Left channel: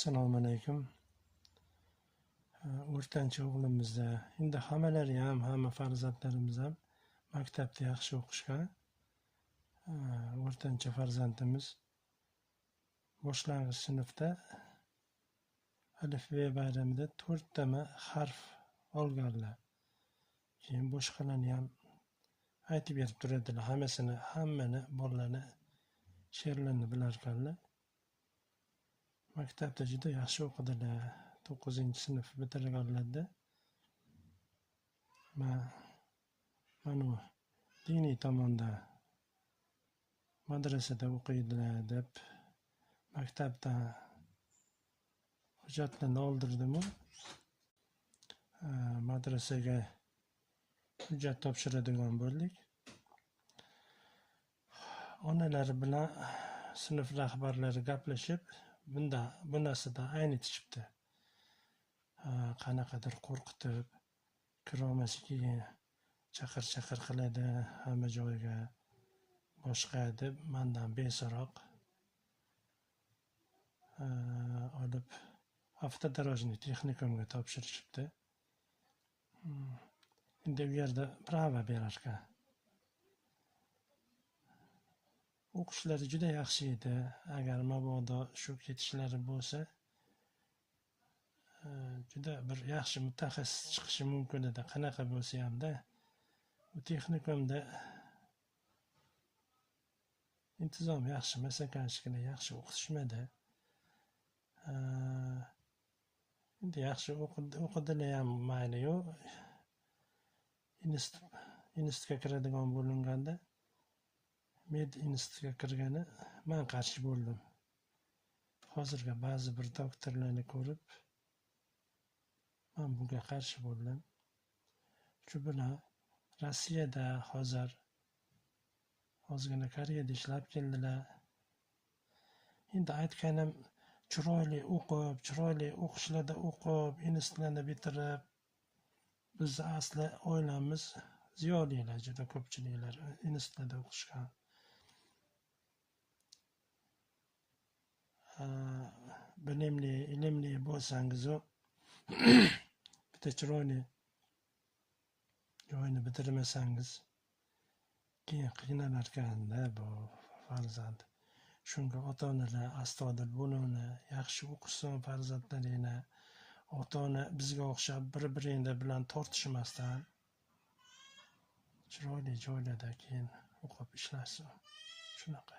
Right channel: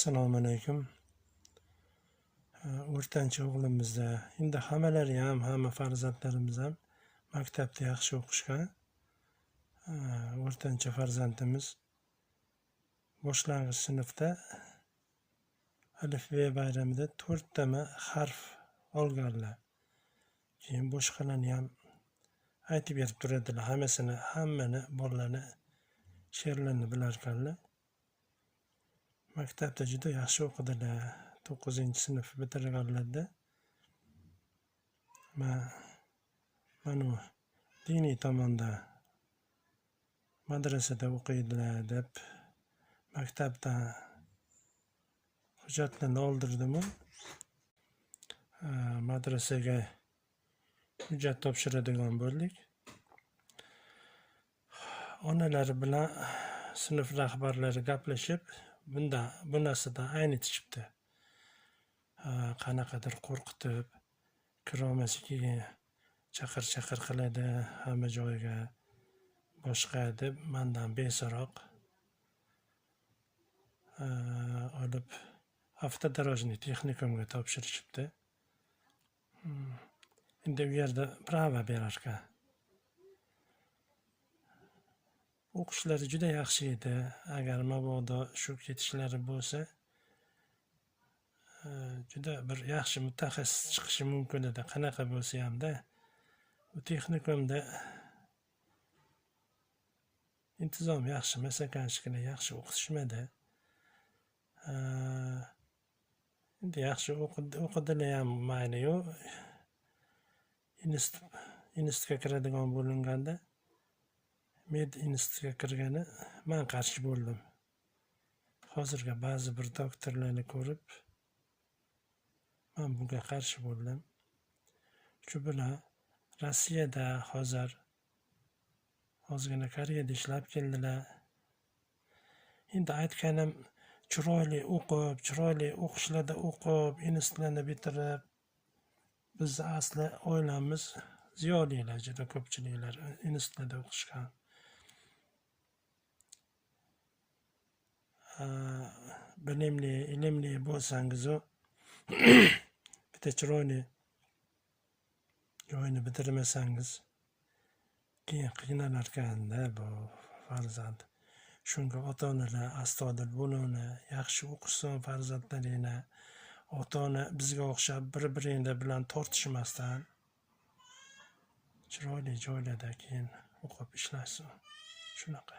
Assalomu alaykum. O'rtancha o'g'limizda, endi hammalari ham, hamma farzandlarimiz ham maktabda yaxshi o'qishgan. O'rtancha farzandimiz boshlang'ich sinfda alifbe bayramida 4 ta harf olganlar. Keyin boshqalarni ham aytib berib turadilar. Hammani bolalarni she'rlarni bilar ekanlar. Maktabda juda yaxshi o'qidilar. 9-sinf bitirganlarda mana diniy tomonda madrasada o'qiydilar deb maktabdan hujjatlarni oldirdim. Madrasaga hujjat topshiradigan bo'ldik. Onalari bilan sinf rahbarlari gaplashib, bu narsada aynitishibdi. Qanaqadir qo'rqitib, kirolmasiga chaqir qiladi hamma joyga boshqa deb mendan beso'roq olib avtodorojniy texnikumga topshirishibdi. Endi u yerda prava berar ekan. O'qishlari juda yaxshi edi. Agar mabodo shu ketishlari bo'lsa, juda bir yaxshi mutaxassis chiqishi mumkin edi. Qanaqa bo'lsa hamda bu texnikumda intizom yaxshi emas ekan, yaxshi o'qitishmadi. Endi yaxshi o'qidilar ham mayli-yu. Institutga kiradigan bo'linganda med institutga kirgani men qarshi bo'ldim. Hozirga ba'zi bir doktorlarni ko'rib men bunga qarshi bo'ldim. Shu bilan Rossiyada hozirgina Koreyada ishlab keldilar. Endi aytganim chiroyli o'qishlarda o'qib, institutlarni bitirib, biz asli oilamiz ziyolilar, juda ko'pchiliklar institutlarda o'qishgan. Bilimli, ilmli bo'lsangiz, bitta chiroyli joyni bitirmasangiz keyin qiynalar ekanda bu farzand. Shunga ota-onalar astoydil bo'linglar, yaxshi o'qishsin farzandlaringni. Ota-ona bizga o'xshab bir-biringlar bilan tortishmasdan chiroyli joylarda keyin o'qib ishlashsin. Shunaqa.